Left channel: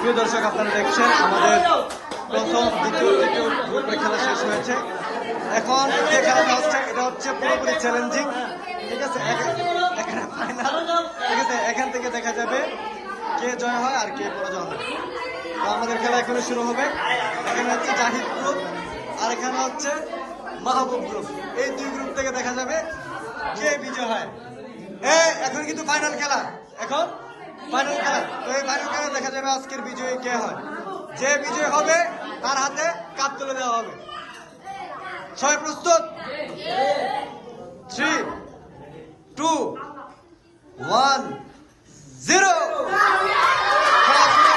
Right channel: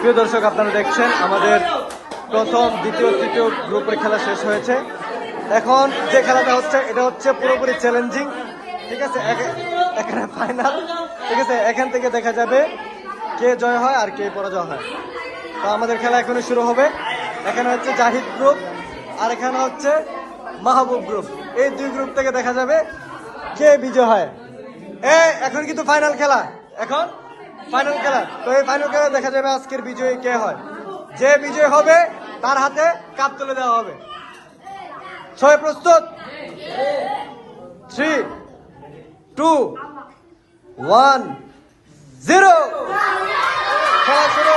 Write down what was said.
প্রিয় দর্শক, আপনারা দেখছেন আমাদের প্রথম, দ্বিতীয়, তৃতীয় গ্রুপের খেলা শেষ হয়েছে। এখন যে খেলাটা হচ্ছে এটা হচ্ছে পুরোপুরি চ্যালেঞ্জিং, ঠিক আছে। এখানে ফাইনাল, ঠিক আছে। এখান থেকে দেখা যাবে কে জয় হয় আর কে পরাজয় হয়। তো আমাদের খেলা এখনই শুরু হবে। এখানে হচ্ছে জাহিদ গ্রুপ আর এখানে হচ্ছে মাহবুব গ্রুপ। এই দুই গ্রুপ থেকে দেখা যাবে কে বিজয় হয়। এখন কিন্তু ফাইনাল খেলা, এখন ফাইনাল খেলা। তো এই ফাইনাল খেলা দেখা যাবে আজকের বিজয়ী কে হয়। যে বিজয় হবে তার হাতে কাপ তুলে দেওয়া হবে। সবাই প্রস্তুত? 3, 2, 1, 0। খেলা শুরু।